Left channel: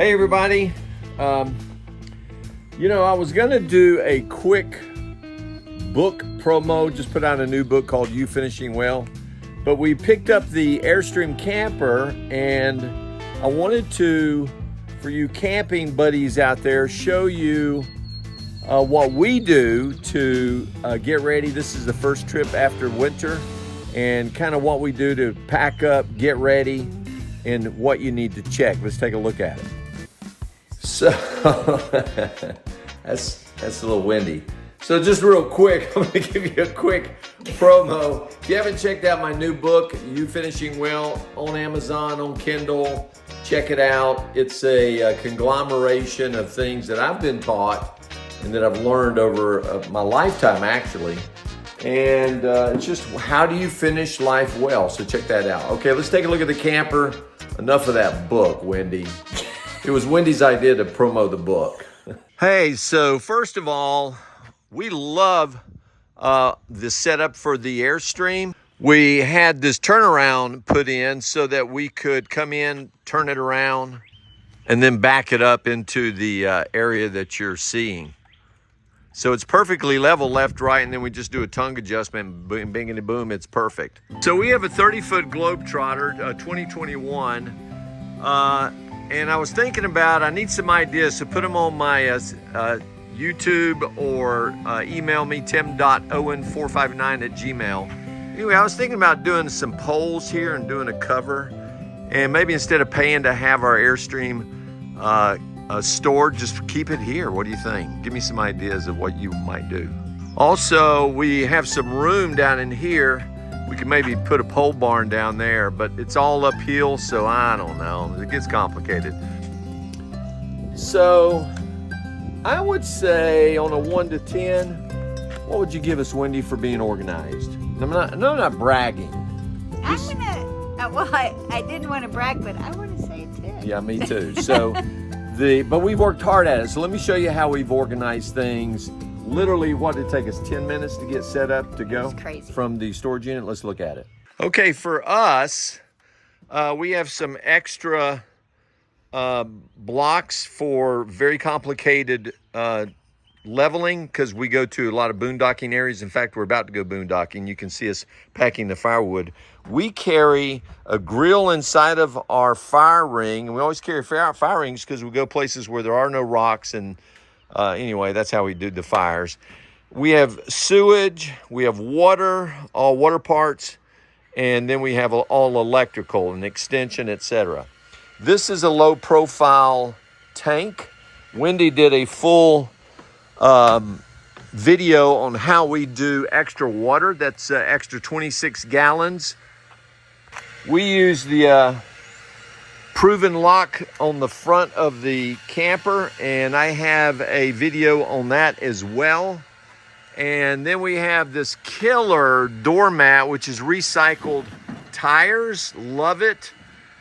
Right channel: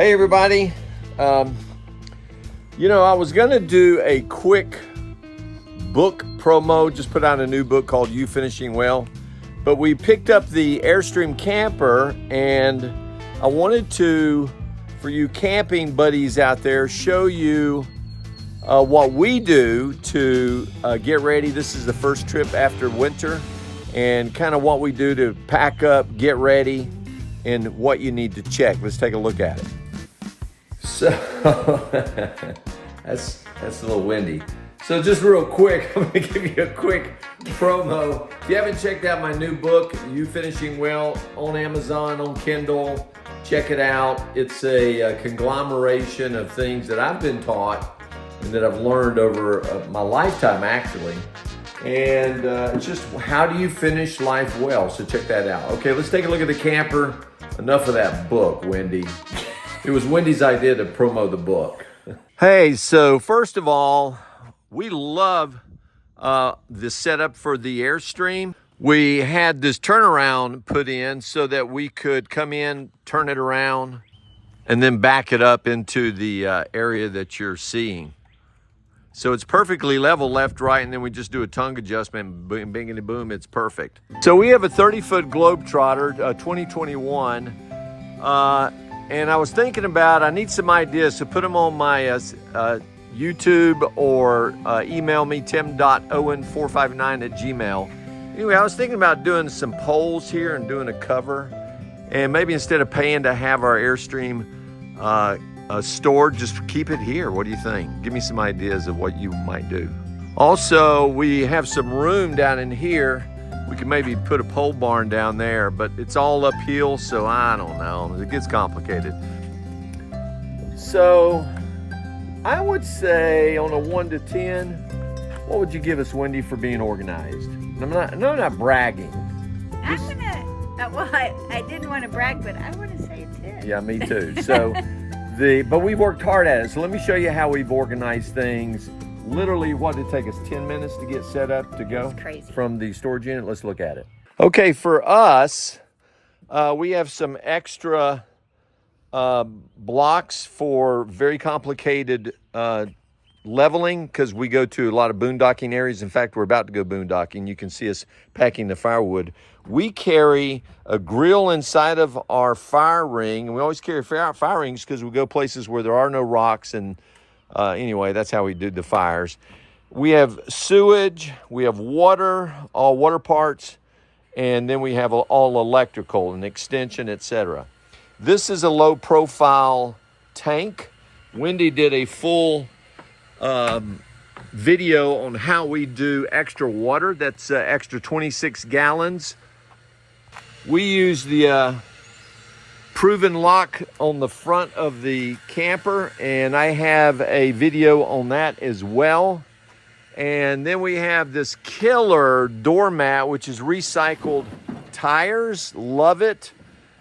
Hey everybody, I was gonna do a quick book promo, just put out a new book called You Finishing Well, but we picked up the Airstream camper and I wanted to, for you camping buddies out there, show you what we do to get ready. This is the first trip after winter and kind of what we do to pack up, get ready, and what you need to check. Let's take a look at it. So that's a little windy. So just real quick, I'm gonna give you a quick promo. If you haven't checked out my new book, You Finishing Well, on Amazon, on Kindle, check it out. It's a conglomeration of things that I've been taught and that I've learned over my lifetime actually. And it's just how do you finish life well? So check that out. Okay, let's take a look at the camper. Enough of that book, Wendy. It was Wendy's idea to promo the book. Hey, so first of all, we love the setup for the Airstream. We had this turnaround put in so that we could come in, turn it around, and then back it up into the area that you're seeing. So it's perfectly level left, right, and then we just do a tongue adjustment, boom, bingity boom, it's perfect. So we have a 30-foot Globetrotter, 2021, and I was thinking about, I need some ideas, so put them on my YouTube or email me, tim.owen459@gmail. Anyway, I was thinking about doing some polls here and doing a cover, and maybe instead of paying to have our Airstream stored, just keep it here. What do you think? Give me some ideas of what you might do. Also, we have some room down in here. We could maybe put a pole barn down there, but it's all uphill, so I don't know. It gets complicated. So I would say on a 1 to 10, what would you give us, Wendy, for being organized? I'm not bragging. I didn't want to brag, but I want to say 10. Yeah, me too. So, but we've worked hard at it. So let me show you how we've organized things. Literally, what did it take us, 10 minutes to get set up to go from the storage unit? Let's look at it. Okay, for us, we have some extra blocks for very complicated leveling because we go to a lot of boondocking areas. In fact, we're about to go boondocking. You can see us packing the firewood. We carry a grill inside of our fire ring, and we always carry fire rings because we go places where there are no rocks. And anyway, that's how we do the fires. We have sewage, we have water, all water parts, and then we have all electrical and extension, etc. This is a low profile tank. Wendy did a full video on how we do extra water. That's extra 26 gallons. We use the proven lock on the front of the camper, and I have a video on that as well. And then we have this killer doormat, which is recycled tires. Love it.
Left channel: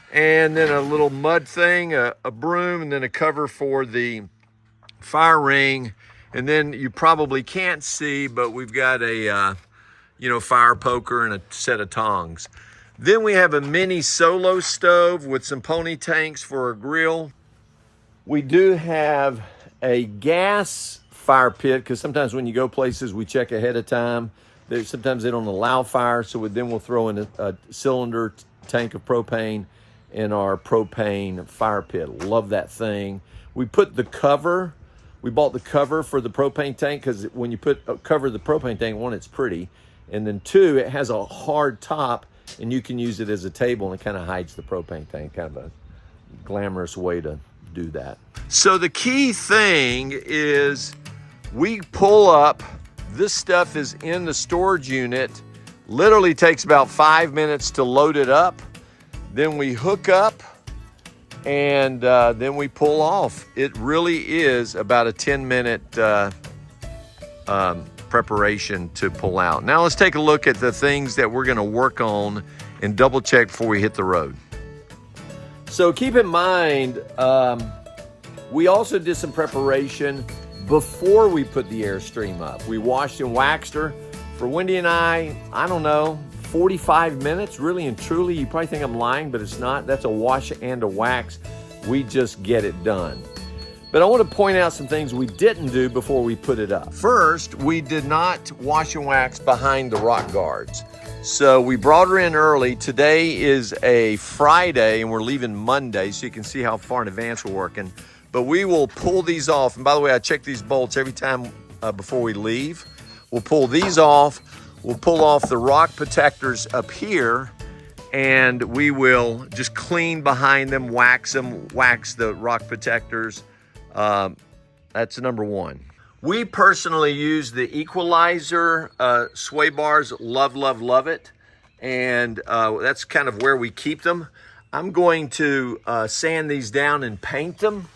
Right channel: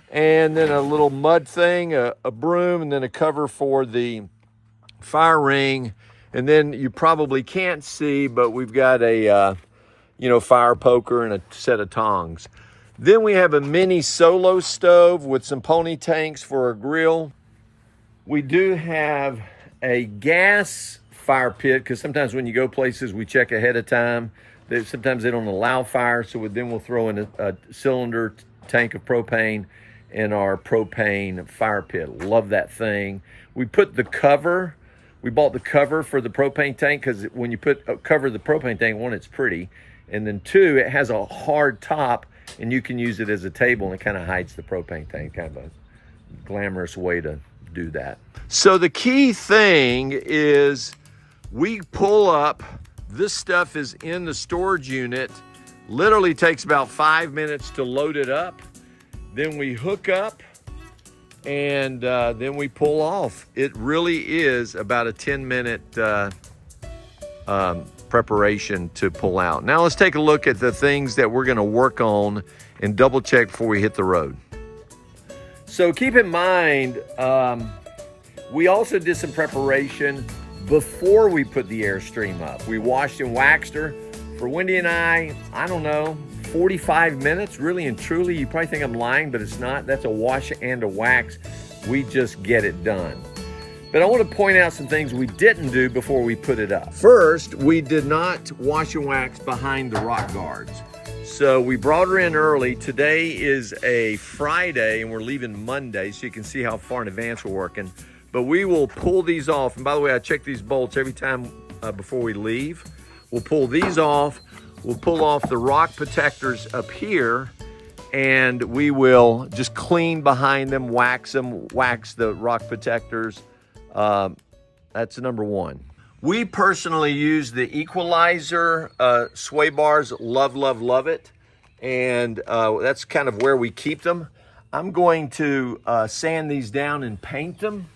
And then a little mud thing, a broom, and then a cover for the fire ring. And then you probably can't see, but we've got a fire poker and a set of tongs. Then we have a mini solo stove with some pony tanks for a grill. We do have a gas fire pit because sometimes when you go places, we check ahead of time. Sometimes they don't allow fire, so then we'll throw in a cylinder tank of propane in our propane fire pit. Love that thing. We put the cover. We bought the cover for the propane tank because when you cover the propane tank, one, it's pretty, and then two, it has a hard top, and you can use it as a table, and it kind of hides the propane tank. Kind of a glamorous way to do that. So the key thing is we pull up. This stuff is in the storage unit. Literally takes about 5 minutes to load it up. Then we hook up, and then we pull off. It really is about a 10-minute preparation to pull out. Now let's take a look at the things that we're gonna work on and double check before we hit the road. So keep in mind, we also did some preparation before we put the Airstream up. We washed and waxed her. For Wendy and I don't know, 45 minutes, really and truly. You probably think I'm lying, but it's not. That's a wash and a wax. We just get it done. But I want to point out some things we didn't do before we put it up. First, we did not wash and wax behind the rock guards. So we brought her in early. Today is a Friday and we're leaving Monday, so you can see how far in advance we're working. But we will pull these off. And by the way, I check these bolts every time before we leave. We'll pull these off. We'll pull off the rock protectors up here, and we will just clean behind them, wax the rock protectors. That's number one. We personally use the equalizer sway bars. Love it. And that's kind of where we keep them. I'm going to sand these down and paint them.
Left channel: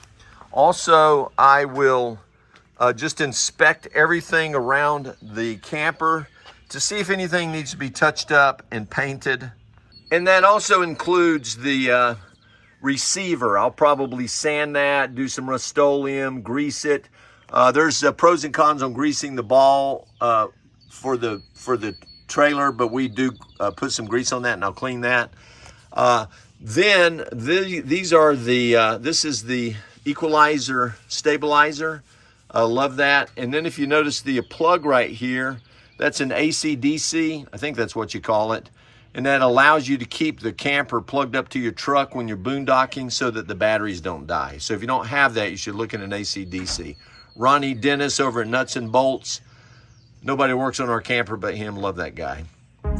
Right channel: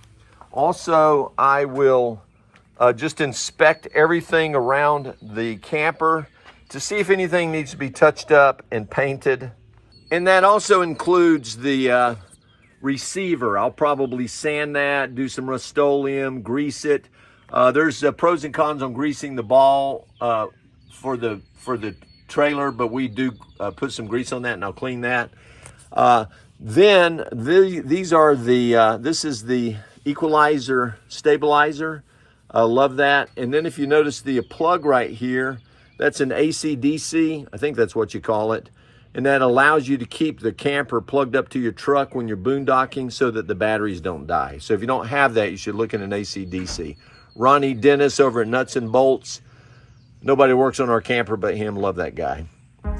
Also, I will just inspect everything around the camper to see if anything needs to be touched up and painted. And that also includes the receiver. I'll probably sand that, do some Rust-Oleum, grease it. There's pros and cons on greasing the ball for the trailer, but we do put some grease on that, and I'll clean that. Then these are the this is the equalizer stabilizer. I love that. And then if you notice the plug right here, that's an AC/DC. I think that's what you call it. And that allows you to keep the camper plugged up to your truck when you're boondocking so that the batteries don't die. So if you don't have that, you should look at an AC/DC. Ronnie Dennis over at Nuts and Bolts. Nobody works on our camper but him. Love that guy.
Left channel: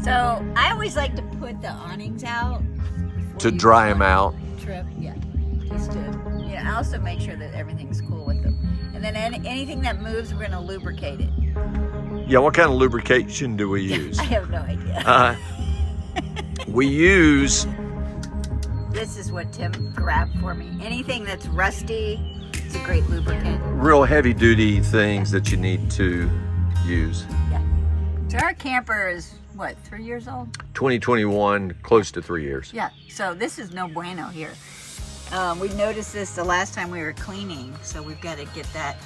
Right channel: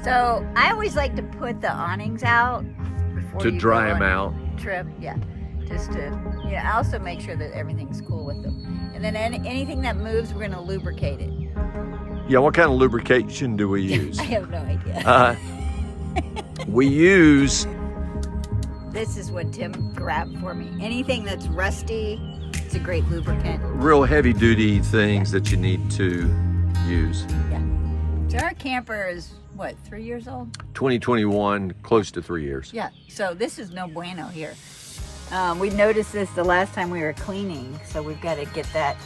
So I always like to put the awnings out before To you dry go them on out. Trip, yeah. Just to, also make sure that everything's cool with them. And then anything that moves, we're gonna lubricate it. Yeah, what kind of lubrication do we use? I have no idea. We use... This is what Tim grabbed for me. Anything that's rusty, it's a great lubricant. real heavy duty things that you need to use. Yeah. So our camper is, what, 3 years old? 2021, close to 3 years. Yeah, so this is no bueno here. We noticed this the last time we were cleaning, so we've got to get that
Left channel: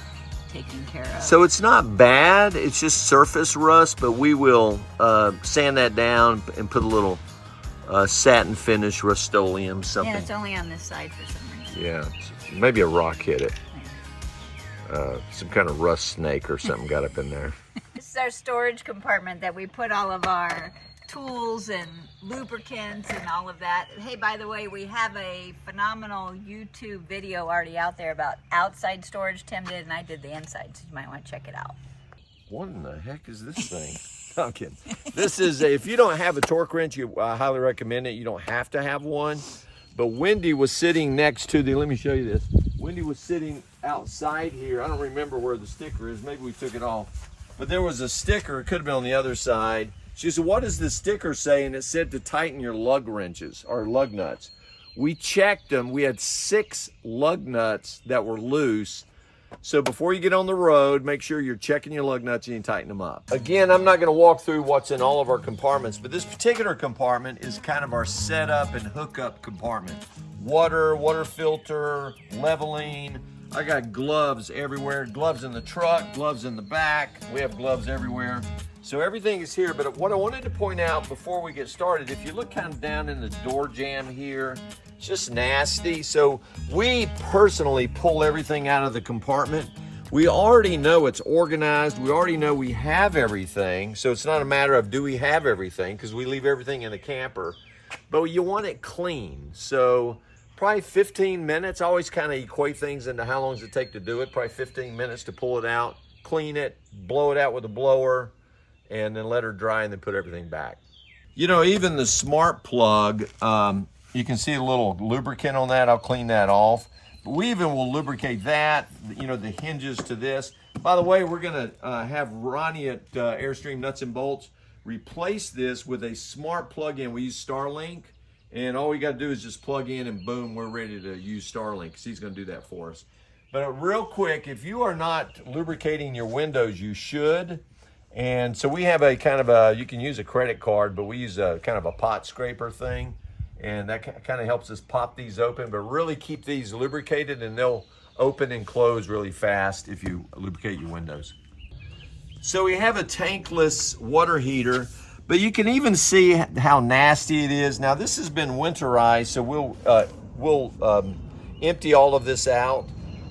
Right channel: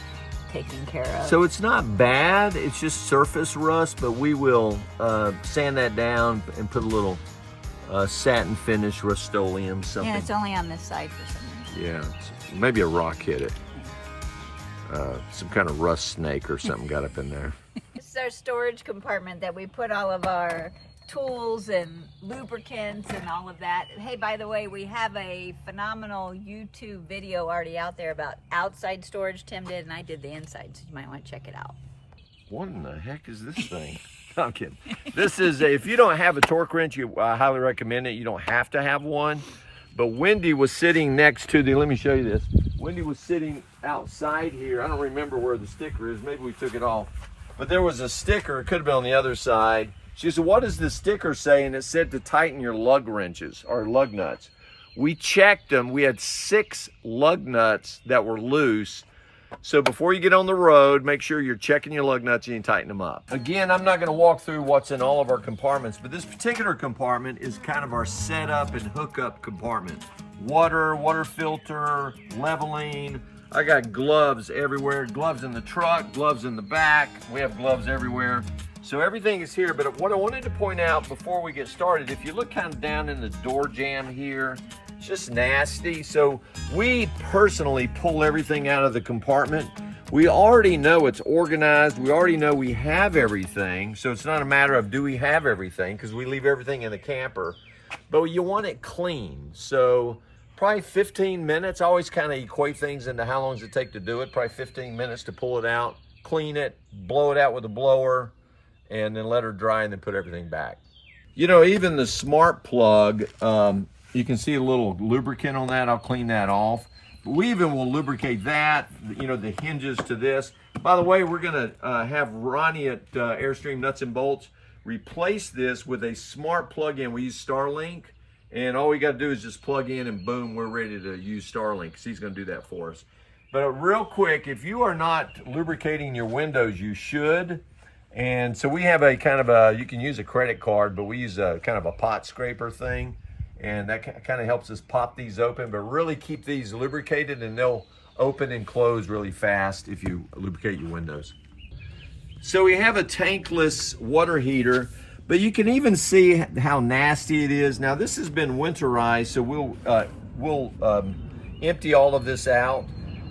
taken care of. So it's not bad, it's just surface rust, but we will sand that down and put a little satin finish, Rust-Oleum, something. Yeah, it's only on this side for some reason. Yeah, maybe a rock hit it. Some kind of rust snake or something got up in there. This is our storage compartment that we put all of our tools and lubricants and all of that. Hey, by the way, we have a phenomenal YouTube video already out there about outside storage. Tim did, and I did the inside, so you might want to check it out. What in the heck is this thing? No, I'm kidding. This is, if you don't have a torque wrench, I highly recommend it. You don't have to have one. But Wendy was sitting next to let me show you this. Wendy was sitting outside here. I don't remember where the sticker is. Maybe we took it off. But there was a sticker, it could have been on the other side. She said, what does the sticker say? And it said to tighten your lug wrenches or lug nuts. We checked them. We had 6 lug nuts that were loose. So before you get on the road, make sure you're checking your lug nuts and you tighten them up. Again, I'm not going to walk through what's in all of our compartments, but this particular compartment is kind of our setup and hookup compartment. Water filter, leveling. I got gloves everywhere. Gloves in the truck, gloves in the back. We have gloves everywhere. So everything is here, but what I wanted to point out before we get started, if you look kind of down in the door jamb here, it's just nasty. So we personally pull everything out of the compartment. We already know it's organized. We already know we have everything. So it's not a matter of do we have everything, because we leave everything in the camper, but you want it clean. So probably 15 minutes. I always kind of equate things into how long does it take to do it. Probably 15 minutes to pull it out, clean it, blow it out with a blower, and then let her dry and then put everything back. You know, even the smart plug, you can see a little lubricant on that. I'll clean that off. But we even will lubricate that, you know, the hinges to this. By the way, we're gonna have Ronnie at Airstream Nuts and Bolts replace this with a smart plug-in. We use Starlink, and all we gotta do is just plug in and boom, we're ready to use Starlink, because he's gonna do that for us. But real quick, if you are not lubricating your windows, you should. And so we have a kind of you can use a credit card, but we use a kind of a pot scraper thing. And that kind of helps us pop these open, but really keep these lubricated, and they'll open and close really fast if you lubricate your windows. So we have a tankless water heater, but you can even see how nasty it is. Now this has been winterized, so we'll empty all of this out.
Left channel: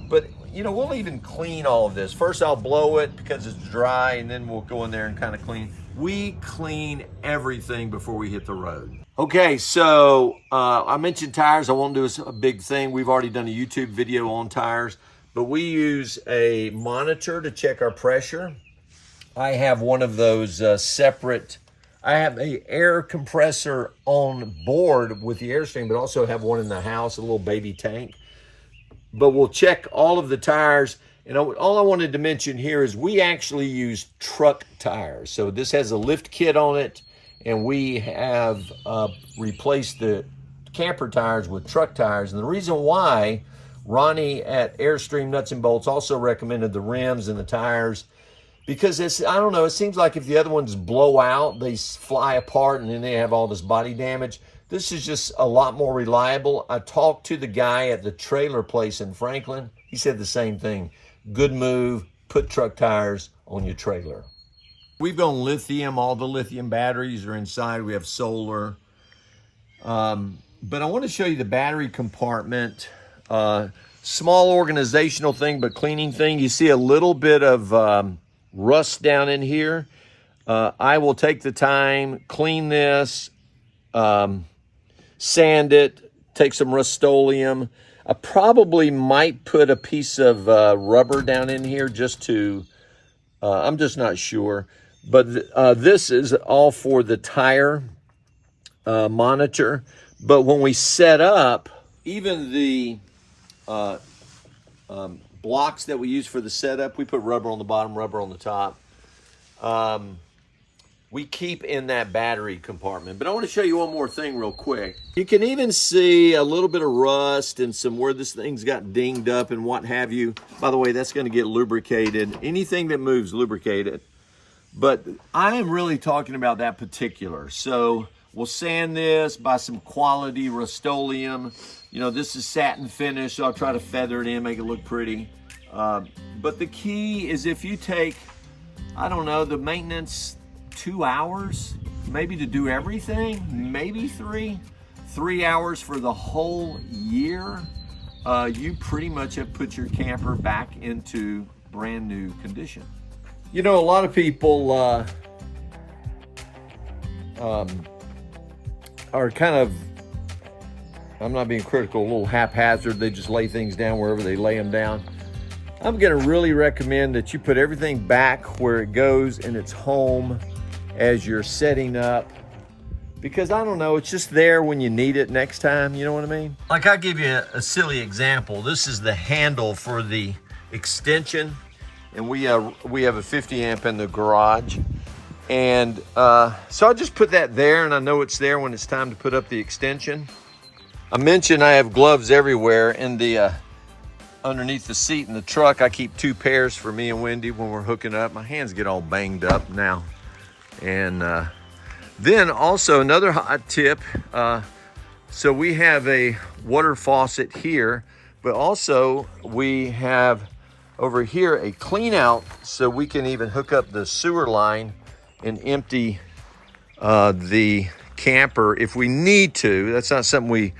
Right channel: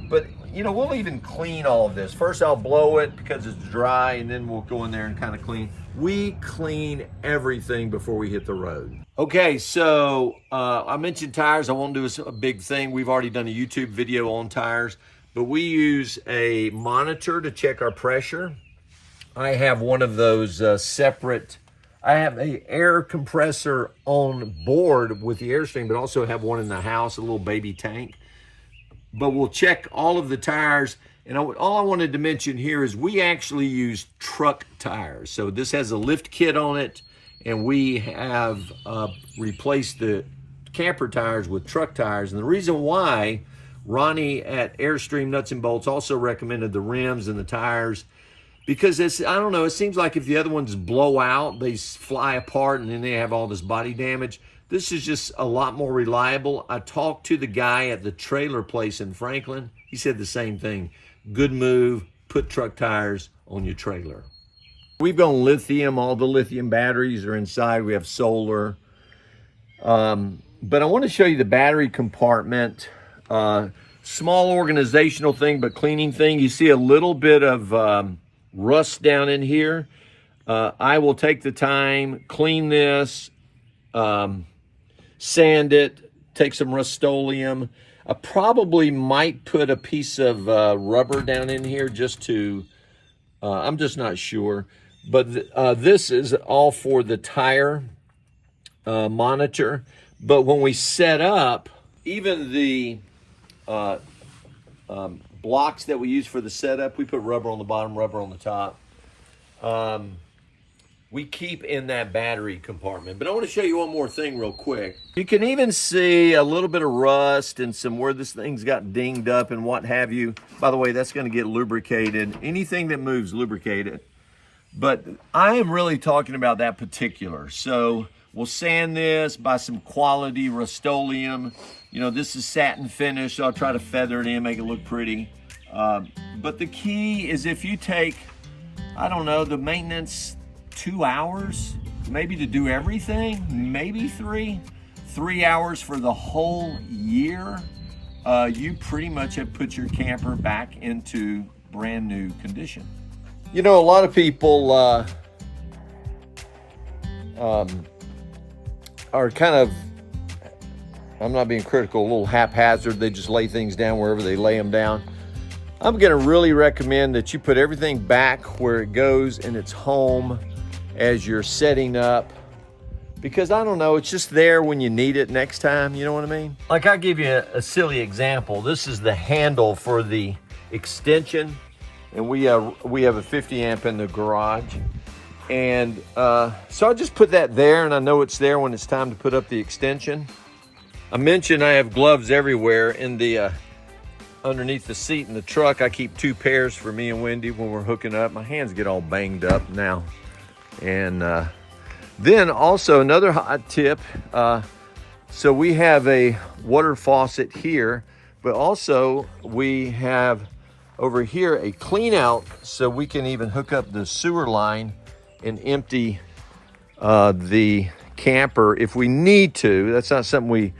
But you know, we'll even clean all of this. First I'll blow it because it's dry, and then we'll go in there and kind of clean. We clean everything before we hit the road. Okay, so I mentioned tires. I won't do a big thing. We've already done a YouTube video on tires, but we use a monitor to check our pressure. I have one of those separate, I have an air compressor on board with the Airstream, but also have one in the house, a little baby tank. But we'll check all of the tires. And all I wanted to mention here is we actually use truck tires. So this has a lift kit on it, and we have replaced the camper tires with truck tires. And the reason why Ronnie at Airstream Nuts and Bolts also recommended the rims and the tires, because it's, I don't know, it seems like if the other ones blow out, they fly apart and then they have all this body damage. This is just a lot more reliable. I talked to the guy at the trailer place in Franklin. He said the same thing. Good move, put truck tires on your trailer. We've gone lithium, all the lithium batteries are inside. We have solar. But I want to show you the battery compartment. Small organizational thing, but cleaning thing. You see a little bit of rust down in here. I will take the time, clean this, sand it, take some Rust-Oleum. I probably might put a piece of rubber down in here just to, I'm just not sure. But this is all for the tire monitor. But when we set up, even the blocks that we use for the setup, we put rubber on the bottom, rubber on the top. We keep in that battery compartment. But I want to show you one more thing real quick. You can even see a little bit of rust and some where this thing's got dinged up and what have you. By the way, that's going to get lubricated. Anything that moves, lubricate it. But I am really talking about that particular. So we'll sand this, buy some quality Rust-Oleum. You know, this is satin finish, so I'll try to feather it in, make it look pretty. But the key is if you take, I don't know, the maintenance 2 hours, maybe to do everything, maybe 3 hours for the whole year, you pretty much have put your camper back into brand new condition. You know, a lot of people are kind of, I'm not being critical, a little haphazard. They just lay things down wherever they lay them down. I'm gonna really recommend that you put everything back where it goes in its home as you're setting up, because I don't know, it's just there when you need it next time, you know what I mean? Like, I'll give you a silly example. This is the handle for the extension, and we have a 50 amp in the garage. And so I just put that there, and I know it's there when it's time to put up the extension. I mentioned I have gloves everywhere in the underneath the seat in the truck. I keep 2 pairs for me and Wendy when we're hooking up. My hands get all banged up now. And then also another hot tip. So we have a water faucet here, but also we have over here a clean out, so we can even hook up the sewer line and empty the camper if we need to. That's not something we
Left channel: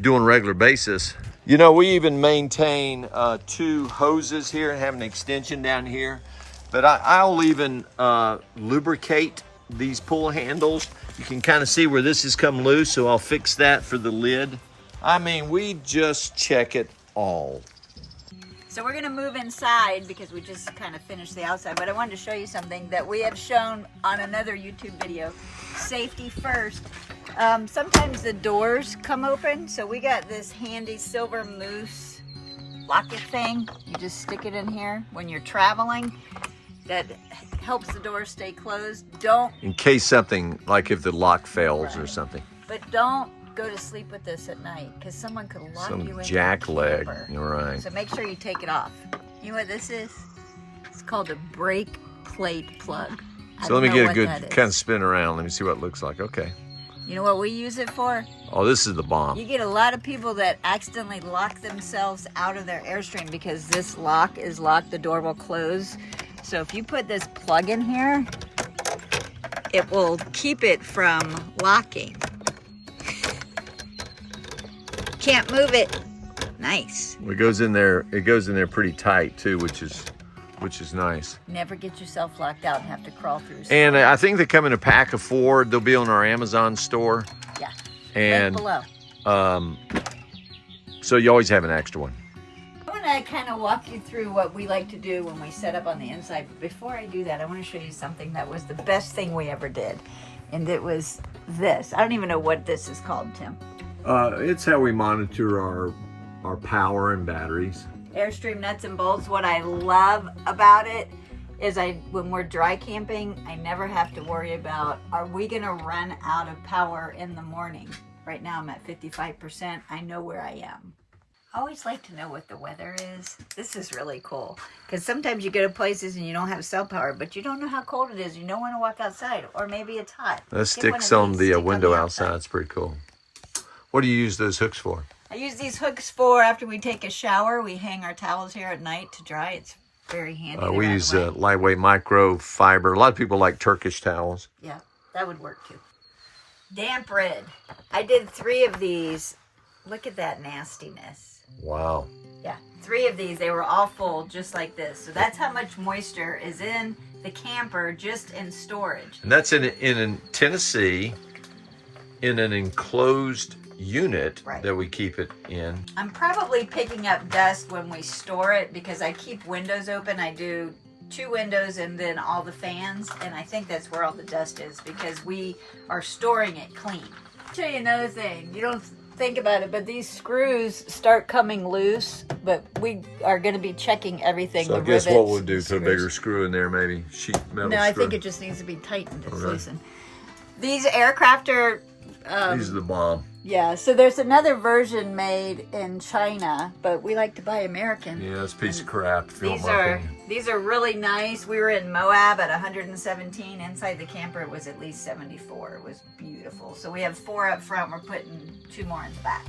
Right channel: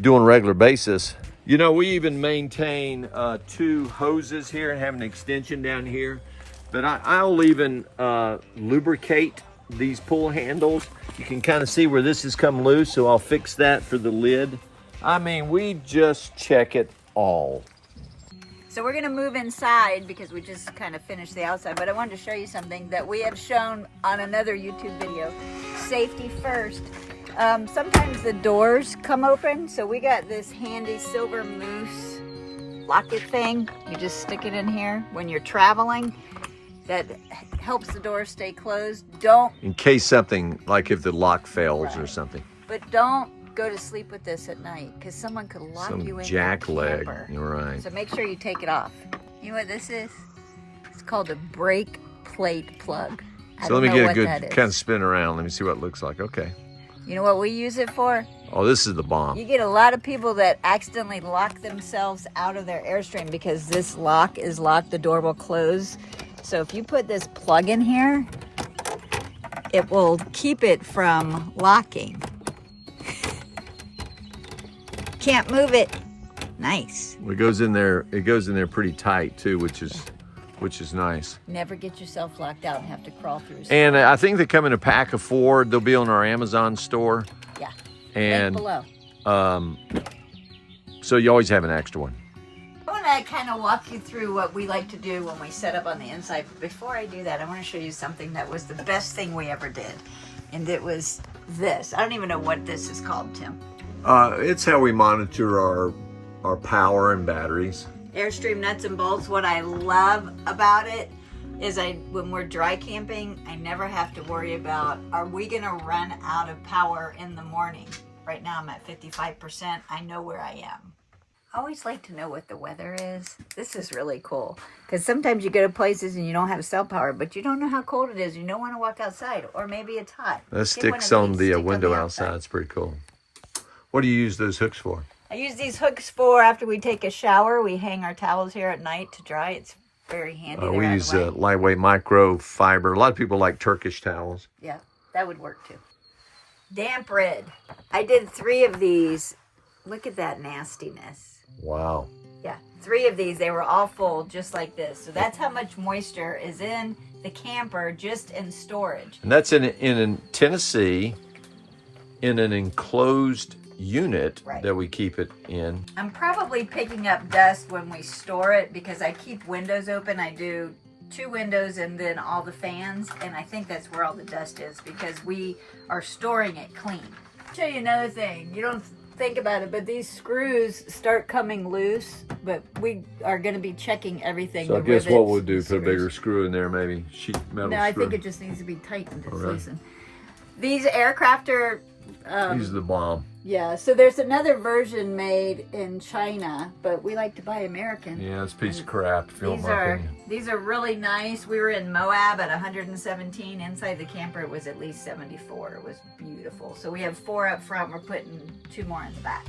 do on a regular basis. You know, we even maintain 2 hoses here and have an extension down here. But I'll even lubricate these pull handles. You can kind of see where this has come loose, so I'll fix that for the lid. I mean, we just check it all. So we're gonna move inside because we just kind of finished the outside, but I wanted to show you something that we have shown on another YouTube video. Safety first. Sometimes the doors come open, so we got this handy silver mousse locket thing. You just stick it in here when you're traveling. That helps the door stay closed. Don't, in case something, like if the lock fails or something. But don't go to sleep with this at night, because someone could lock you in jack leg. You're right. So make sure you take it off. You know what this is? It's called a brake plate plug. So let me get a good kind of spin around. Let me see what it looks like. Okay. You know what we use it for? Oh, this is the bomb. You get a lot of people that accidentally lock themselves out of their Airstream because this lock is locked, the door will close. So if you put this plug in here, it will keep it from locking. can't move it. Nice. It goes in there. It goes in there pretty tight too, which is nice. Never get yourself locked out and have to crawl through. And I think they come in a pack of 4. They'll be on our Amazon store. Yeah. And Link below. So you always have an extra one. I want to kind of walk you through what we like to do when we set up on the inside. But before I do that, I want to show you something that was the best thing we ever did. And it was this. I don't even know what this is called, Tim. It's how we monitor our power and batteries. Airstream nuts and bolts. What I love about it is when we're dry camping, I never have to worry about, are we going to run out of power in the morning? Right now I'm at 55%. I know where I am. I always like to know what the weather is. This is really cool. Because sometimes you go to places and you don't have cell power, but you don't know how cold it is. You don't want to walk outside. Or maybe it's hot. That sticks on the window outside. It's pretty cool. What do you use those hooks for? I use these hooks for after we take a shower. We hang our towels here at night to dry. It's very handy. We use lightweight microfiber. A lot of people like Turkish towels. Yeah, that would work too. Damp red. I did 3 of these. Look at that nastiness. Wow. Yeah, 3 of these. They were all full just like this. So that's how much moisture is in the camper just in storage. And that's in Tennessee in an enclosed unit that we keep it in. I'm probably picking up dust when we store it because I keep windows open. I do 2 windows and then all the fans, and I think that's where all the dust is because we are storing it clean. I'll show you another thing. You don't think about it, but these screws start coming loose, but we are going to be checking everything. So I guess what we'll do, put a bigger screw in there, maybe sheet metal screw. No, I think it just needs to be tightened. It's loosened. These aircraft are these are the bomb. Yeah, so there's another version made in China, but we like to buy American. Yeah, it's a piece of crap, if you want my opinion. These are really nice. We were in Moab at 117. Inside the camper, it was at least 74. It was beautiful. So we have 4 up front. We're putting 2 more in the back.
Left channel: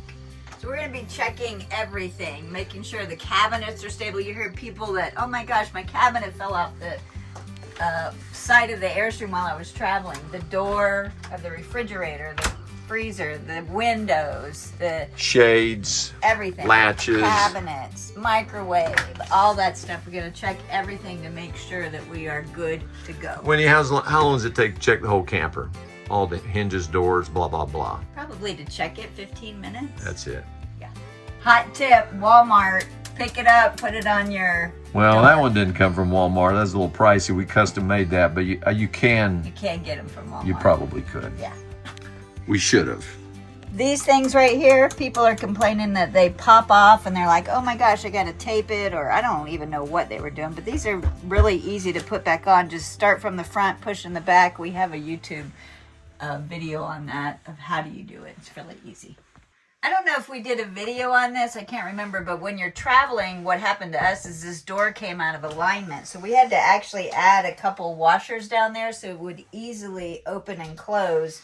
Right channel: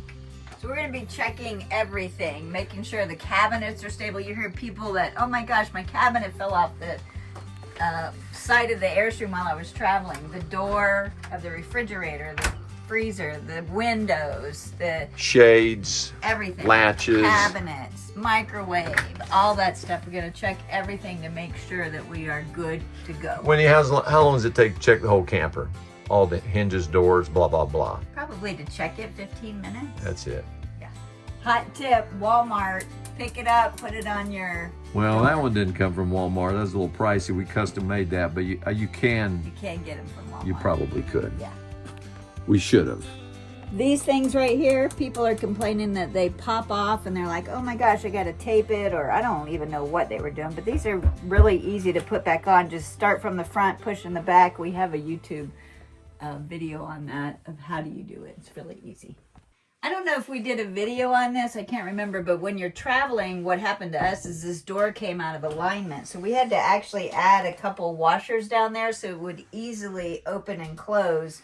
So we're going to be checking everything, making sure the cabinets are stable. You hear people that, oh my gosh, my cabinet fell off the side of the Airstream while I was traveling. The door of the refrigerator, the freezer, the windows, the shades, everything, latches, cabinets, microwave, all that stuff. We're going to check everything to make sure that we are good to go. Wendy, how long does it take to check the whole camper? All the hinges, doors, blah, blah, blah. Probably to check it 15 minutes. That's it. Yeah. Hot tip, Walmart. Pick it up, put it on your... Well, that one didn't come from Walmart. That's a little pricey. We custom made that, but you can... You can get them from Walmart. You probably could. Yeah. We should have. These things right here, people are complaining that they pop off and they're like, oh my gosh, I got to tape it, or I don't even know what they were doing, but these are really easy to put back on. Just start from the front, push in the back. We have a YouTube video on that of how do you do it. It's really easy. I don't know if we did a video on this, I can't remember, but when you're traveling, what happened to us is this door came out of alignment. So we had to actually add a couple washers down there so it would easily open and close.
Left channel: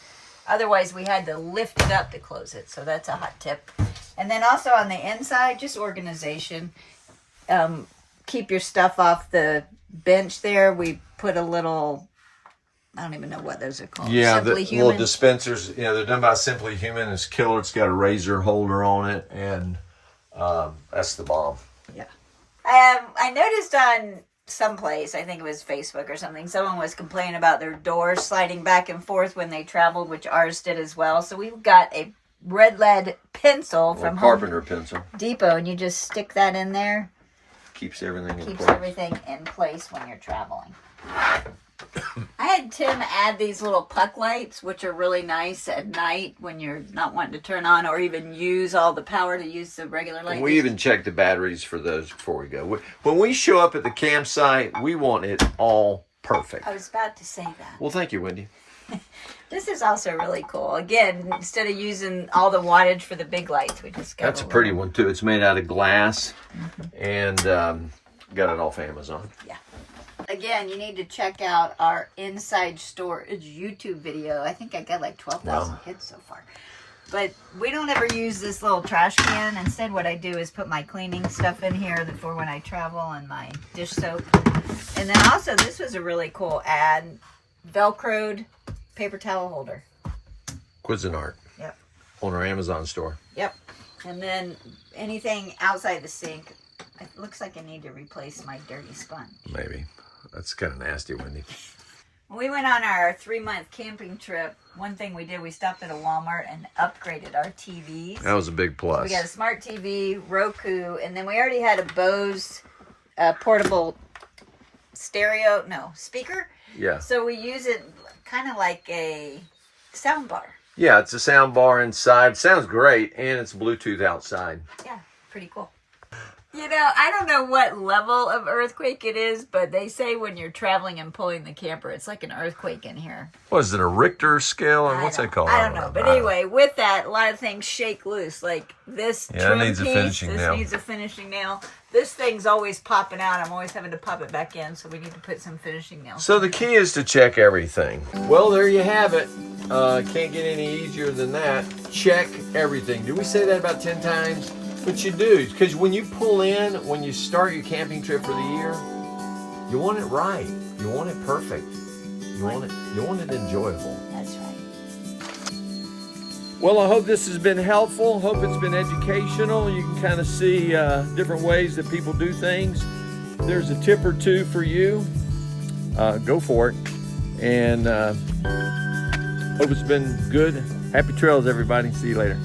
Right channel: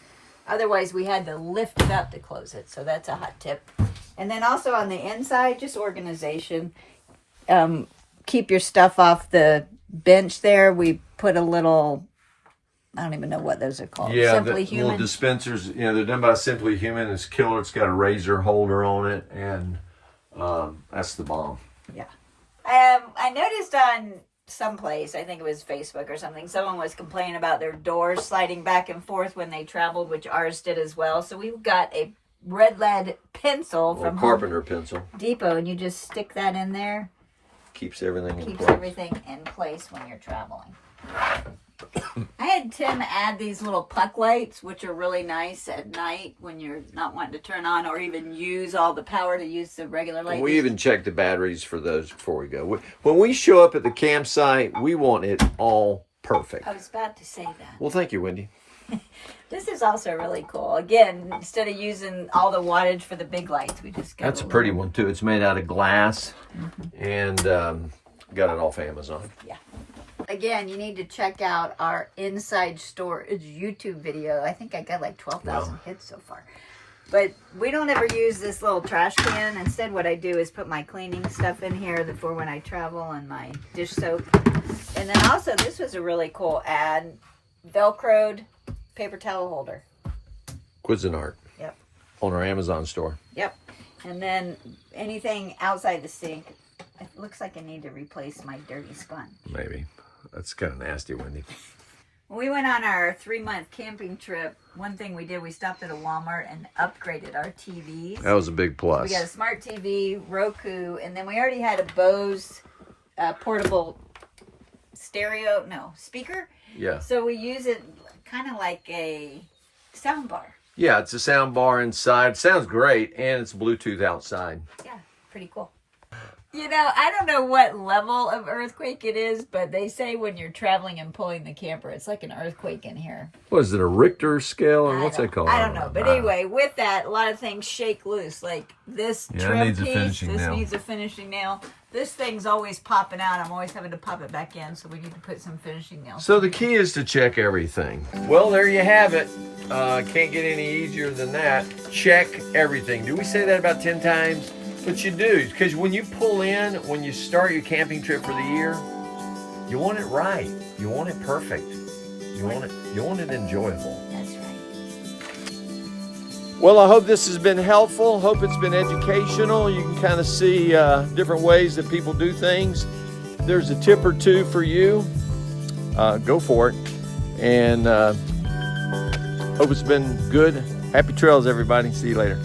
Otherwise, we had to lift it up to close it. So that's a hot tip. And then also on the inside, just organization. Keep your stuff off the bench there. We put a little... I don't even know what those are called. Yeah, Simply the little dispensers. You know, they're done by Simply Human. It's killer. It's got a razor holder on it, and that's the bomb. Yeah. I noticed on someplace, I think it was Facebook or something, someone was complaining about their doors sliding back and forth when they traveled, which ours did as well. So we've got a red lead pencil from carpenter pencil Depot, and you just stick that in there. Keeps everything in place. Keeps everything in place when you're traveling. I had Tim add these little puck lights, which are really nice at night when you're not wanting to turn on or even use all the power to use the regular light. We even check the batteries for those before we go. When we show up at the campsite, we want it all perfect. I was about to say that. Well, thank you, Wendy. This is also really cool. Again, instead of using all the wattage for the big lights, we just go. That's a pretty one, too. It's made out of glass, and got it off Amazon. Yeah. Again, you need to check out our inside storage YouTube video. I think I got like 12,000 hits so far. But we don't ever use this little trash can. Instead, what I do is put my cleaning stuff in here for when I travel and my dish soap. And then also, this was a really cool ad. Velcroed paper towel holder. Cuisinart. Yep. on our Amazon store. Yep. And then anything outside the sink, it looks like I need to replace my dirty sponge. Maybe. That's kind of nasty, Wendy. When we went on our 3-month camping trip, one thing we did, we stopped at a Walmart and upgraded our TVs. That was a big plus. We got a smart TV, Roku, and then we already had a Bose portable speaker. Yeah. So we use it kind of like a sound bar. Yeah, it's a sound bar inside. Sounds great, and it's Bluetooth outside. Yeah, pretty cool. You know, I don't know what level of earthquake it is, but they say when you're traveling and pulling the camper, it's like an earthquake in here. What is it, a Richter scale, or what's that called? I don't know. But anyway, with that, a lot of things shake loose. Like this trim needs a piece, finishing nail. needs a finishing nail. This thing's always popping out. I'm always having to pop it back in, so we need to put some finishing nails. So the key is to check everything. Well, there you have it. Can't get any easier than that. Check everything. Do we say that about 10 times? But you do, because when you pull in, when you start your camping trip for the year, you want it right. You want it perfect. You want it enjoyable. That's right. Well, I hope this has been helpful. Hope it's been educational. You can kind of see different ways that people do things. If there's a tip or two for you, go for it. And hope it's been good. Happy trails, everybody. See you later.